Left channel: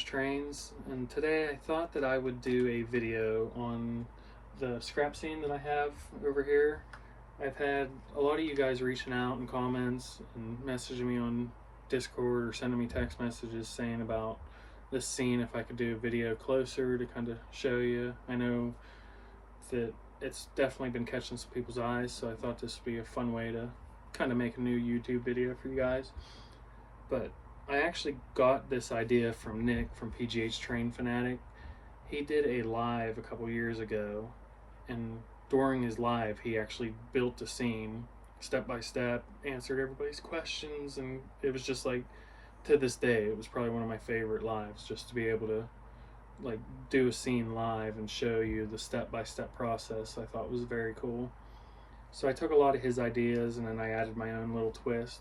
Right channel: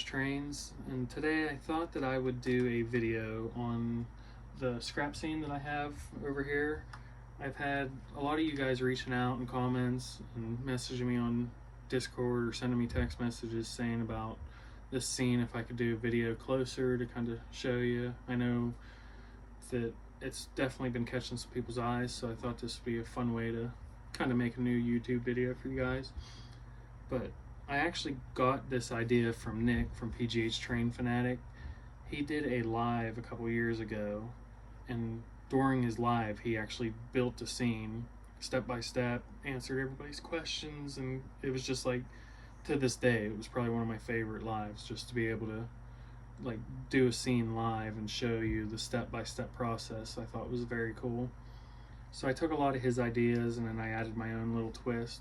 orange trains, and today I thought that I would do a video on the scrap scene that I have over here. I've had a lot of you guys reaching out in comments and messaging me on Discord or sending me text messages saying about this scene, if I could do a video closer to kind of show you. I know that it's definitely been catching some people's eyes, so I thought this would be a fun way to kind of make a new YouTube video for you guys. But I actually got this idea from Nick from PGH Train Fanatic. He did a live a couple years ago, and during his live he actually built a scene step by step, answered everybody's questions, and it was just like, to this day, it was probably one of my favorite lives, just to be able to like do a scene live and show you the step-by-step process. I thought was very cool. So I took a lot of his ideas and then I added my own little twist.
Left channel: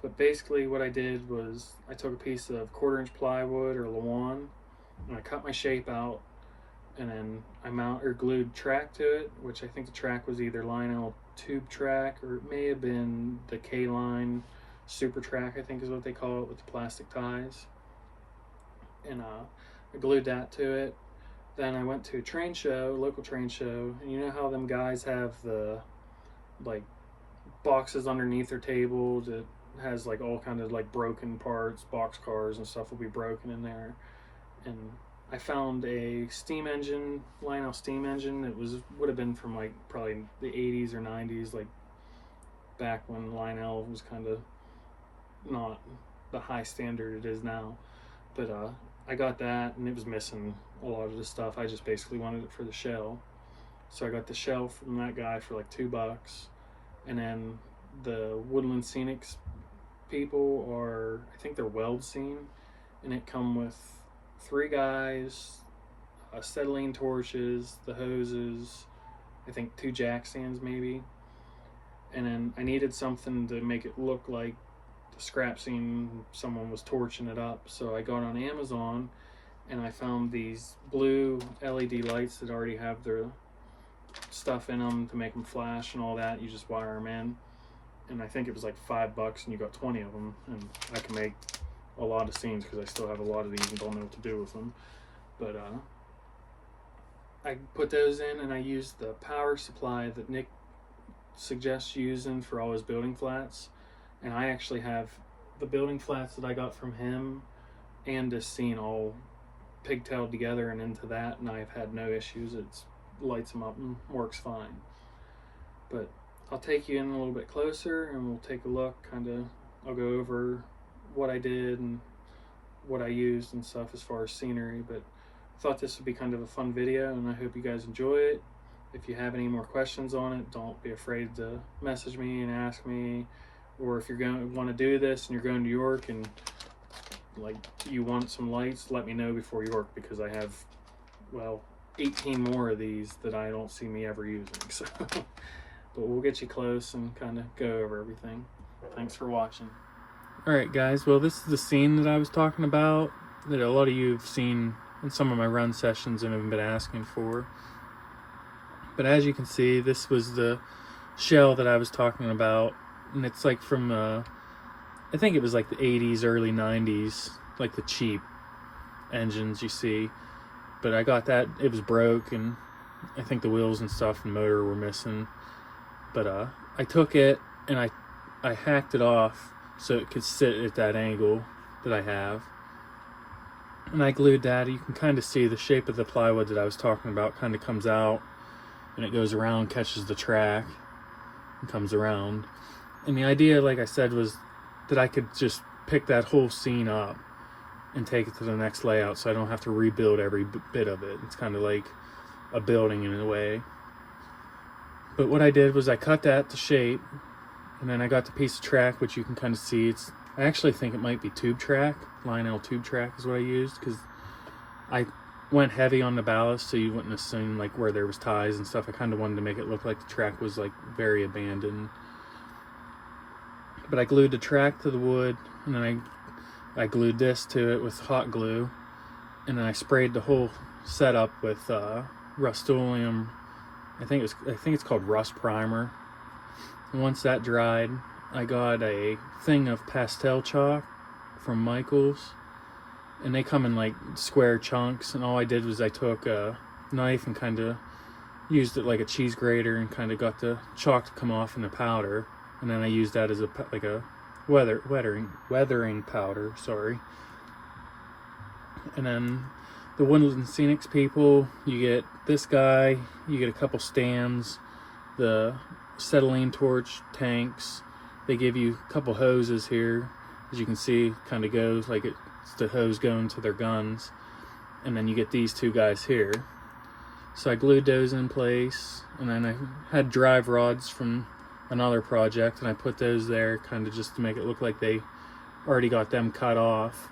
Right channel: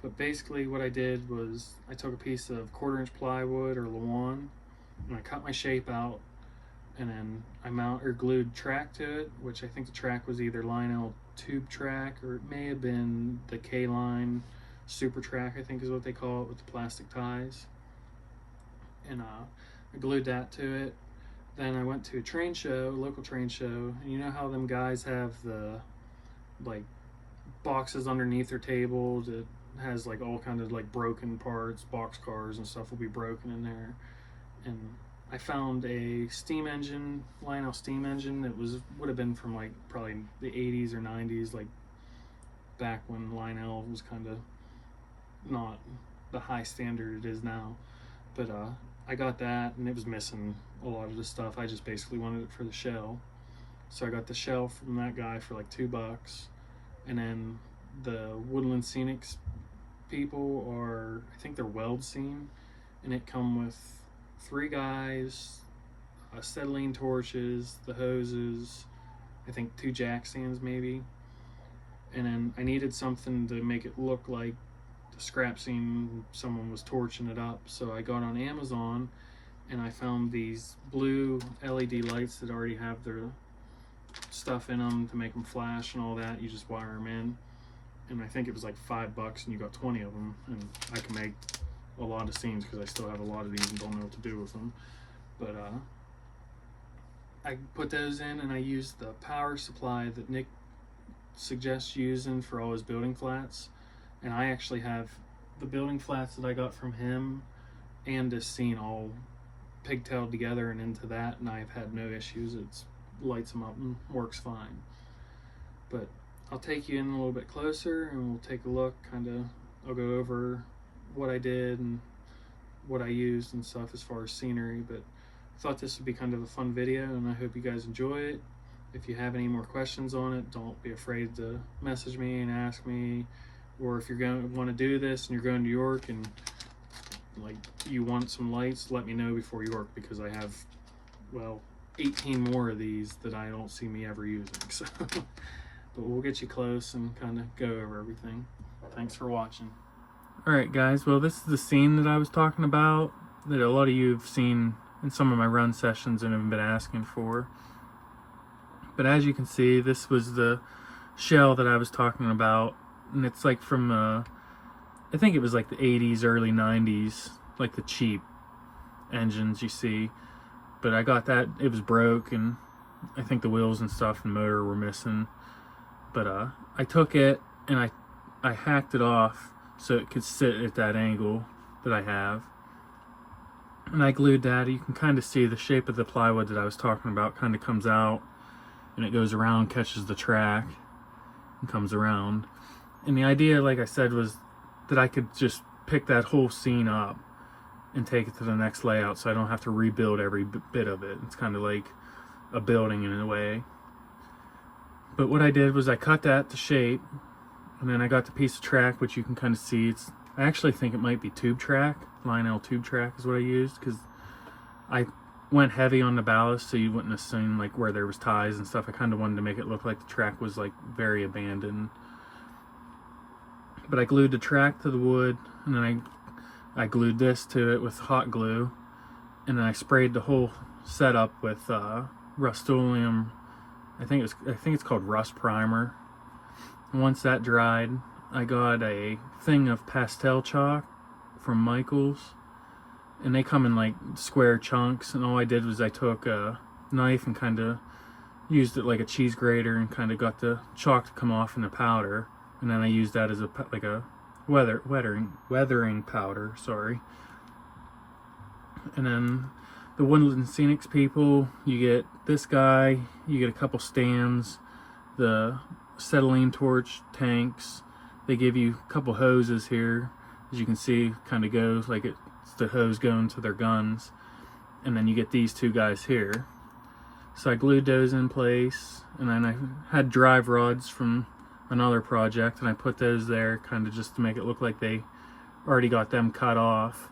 But basically what I did was I took a piece of 1/4 inch plywood or lawn and I cut my shape out, and then I glued track to it, which I think the track was either Lionel tube track or it may have been the K-line super track, I think is what they call it, with the plastic ties. And I glued that to it. Then I went to a train show, local train show, and you know how them guys have the like boxes underneath their table that has like all kind of like broken parts, box cars and stuff will be broken in there. And I found a steam engine, Lionel steam engine. It would have been from like probably the 80s or 90s, like back when Lionel was kind of not the high standard it is now. But I got that and it was missing a lot of the stuff. I just basically wanted it for the shell. So I got the shell from that guy for like $2. And then the Woodland Scenics people are, I think they're Weld Scene, and it come with 3 guys, acetylene torches, the hoses, I think 2 jack stands maybe. And then I needed something to make it look like the scrap scene, someone was torching it up. So I got on Amazon and I found these blue LED lights that already have their stuff in them to make them flash and all that. You just wire them in, and I think it was like $5 and you got 20 of them, and I can make a lot of scenes because I still have a lot of these and don't know what to do with them. But I put those in and I used the power supply that Nick suggests using for all his building flats. And I actually have the building flats that I got from him and this scene all pigtailed together and into that, and I've had no issues. It lights them up and works fine. But I'll take you in a little bit closer and we'll take a look, I'll go over what I did and what I used and stuff as far as scenery. But I thought this would be kind of a fun video and I hope you guys enjoy it. If you have any more questions on it, don't be afraid to message me and ask me. Or if you're going to want to do this and you're going to York and like you want some lights, let me know before York, because I have, well, 18 more of these that I don't see me ever using. So but we'll get you close and kind of go over everything. Thanks for watching. Alright guys, well, this is the scene that I was talking about that a lot of you have seen in some of my run sessions and have been asking for. But as you can see, this was the shell that I was talking about. And it's like from, I think it was like the 80s, early 90s, like the cheap engines you see. But I got that, it was broke, and I think the wheels and stuff and motor were missing. But I took it and I hacked it off so it could sit at that angle that I have. And I glued that. You can kind of see the shape of the plywood that I was talking about kind of comes out, and it goes around, catches the track, and comes around. And the idea, like I said, was that I could just pick that whole scene up and take it to the next layout so I don't have to rebuild every bit of it. It's kind of like a building in a way. But what I did was I cut that to shape, and then I got the piece of track, which you can kind of see. I actually think it might be tube track. Lionel tube track is what I used, because I went heavy on the ballast so you wouldn't assume like where there was ties and stuff. I kind of wanted to make it look like the track was like very abandoned. But I glued the track to the wood, and then I glued this to it with hot glue, and then I sprayed the whole setup with Rust-Oleum. I think it's called Rust Primer. And once that dried, I got a thing of pastel chalk from Michael's, and they come in like square chunks, and all I did was I took a knife and kind of used it like a cheese grater and kind of got the chalk to come off in the powder, and then I used that as a weathering powder, sorry. And then the Woodland Scenics people, you get this guy, you get a couple stands, the acetylene torch tanks, they give you a couple hoses here, as you can see, kind of goes like it's the hose going to their guns, and then you get these two guys here. So I glued those in place, and then I had drive rods from another project, and I put those there kind of just to make it look like they already got them cut off.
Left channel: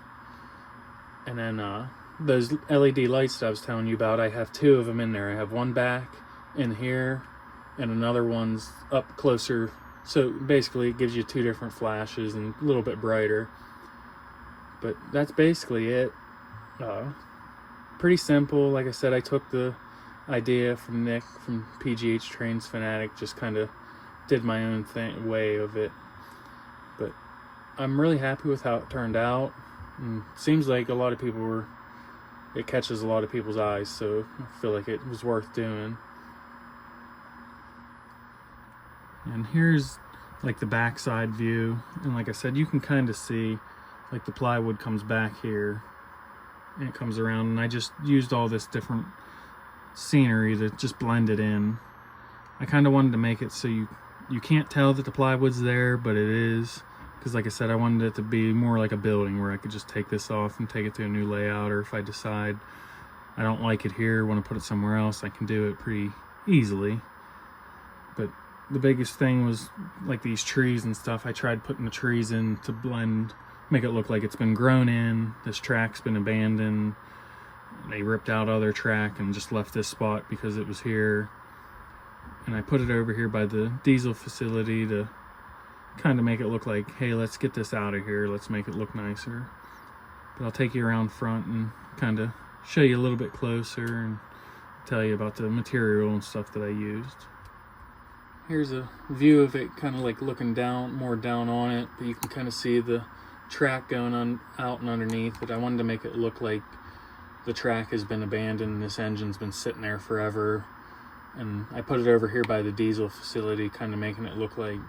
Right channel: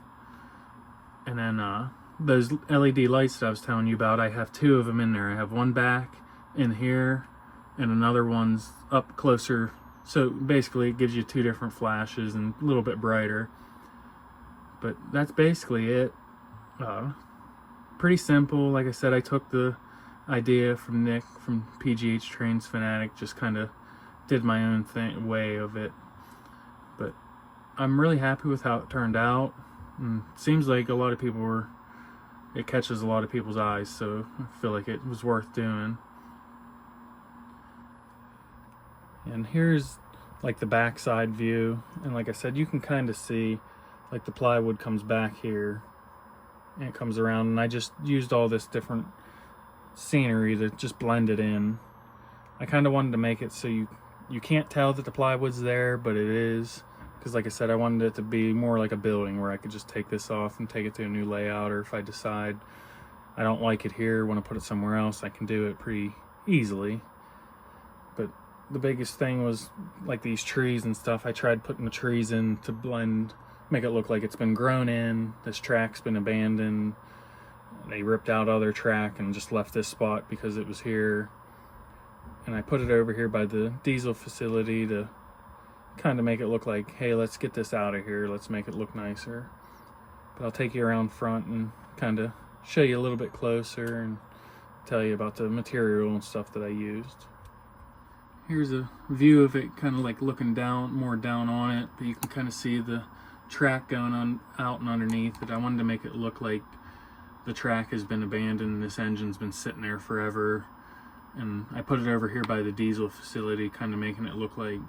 And then those LED lights that I was telling you about, I have two of them in there. I have one back in here and another one's up closer, so basically it gives you two different flashes and a little bit brighter. But that's basically it. Pretty simple. Like I said, I took the idea from Nick from PGH Trains Fanatic, just kind of did my own way of it. But I'm really happy with how it turned out, and seems like a lot of people it catches a lot of people's eyes, so I feel like it was worth doing. And here's like the backside view, and like I said, you can kind of see like the plywood comes back here and it comes around, and I just used all this different scenery to just blend it in. I kind of wanted to make it so you can't tell that the plywood's there, but it is, because like I said, I wanted it to be more like a building where I could just take this off and take it to a new layout, or if I decide I don't like it here, want to put it somewhere else, I can do it pretty easily. But the biggest thing was like these trees and stuff. I tried putting the trees in to blend, make it look like it's been grown in. This track's been abandoned. They ripped out other track and just left this spot because it was here. And I put it over here by the diesel facility to kind of make it look like, hey, let's get this out of here, let's make it look nicer. But I'll take you around front and kind of show you a little bit closer and tell you about the material and stuff that I used. Here's a view of it, kind of like looking down, more down on it, but you can kind of see the track going on out and underneath. But I wanted to make it look like the track has been abandoned and this engine's been sitting there forever. And I put it over here by the diesel facility, kind of making it look like,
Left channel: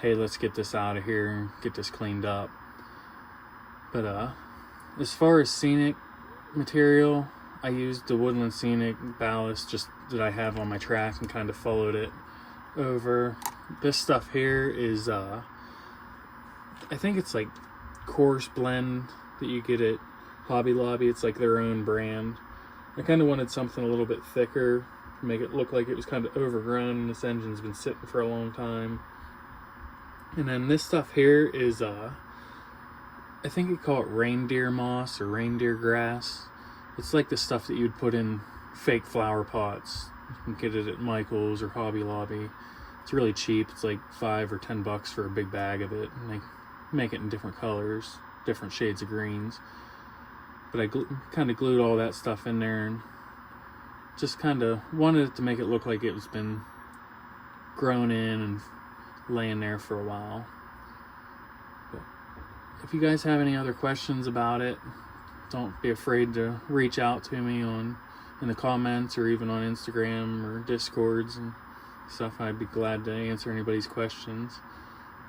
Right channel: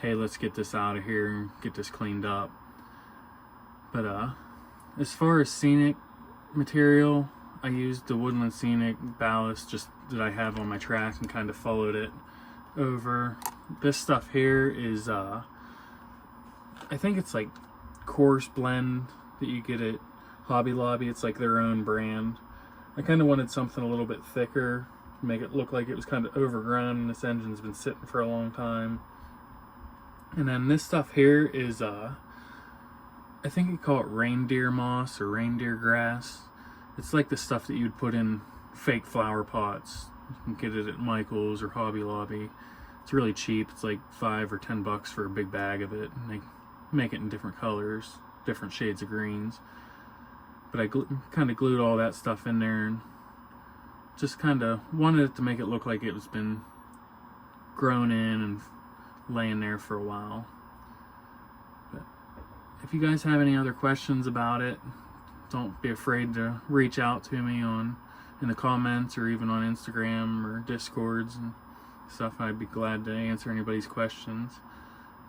hey, let's get this out of here and get this cleaned up. But as far as scenic material, I used the Woodland Scenic ballast just that I have on my track and kind of followed it over. This stuff here is I think it's like coarse blend that you get at Hobby Lobby. It's like their own brand. I kind of wanted something a little bit thicker to make it look like it was kind of overgrown and this engine's been sitting for a long time. And then this stuff here is I think you call it reindeer moss or reindeer grass. It's like the stuff that you'd put in fake flower pots. You can get it at Michael's or Hobby Lobby. It's really cheap. It's like $5 or $10 for a big bag of it, and they make it in different colors, different shades of greens. But I kind of glued all that stuff in there and just kind of wanted it to make it look like it was been grown in and laying there for a while. But if you guys have any other questions about it, don't be afraid to reach out to me in the comments or even on Instagram or Discords and stuff. I'd be glad to answer anybody's questions.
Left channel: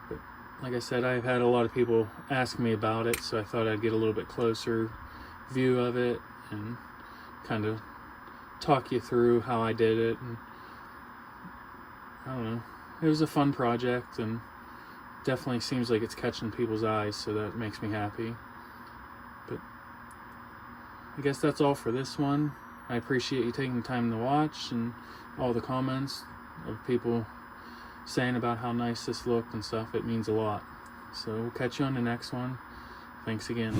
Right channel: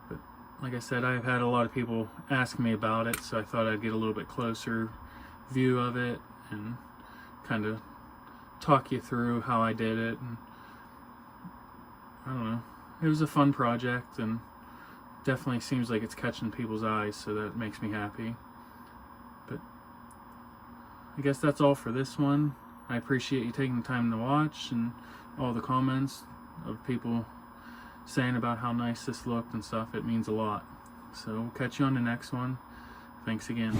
But like I said, I've had a lot of people ask me about it, so I thought I'd get a little bit closer view of it and kind of talk you through how I did it. And I don't know, it was a fun project and definitely seems like it's catching people's eyes, so that makes me happy. But I guess that's all for this one. I appreciate you taking the time to watch and all the comments of people saying about how nice this looked and stuff. It means a lot. So we'll catch you on the next one. Thanks again.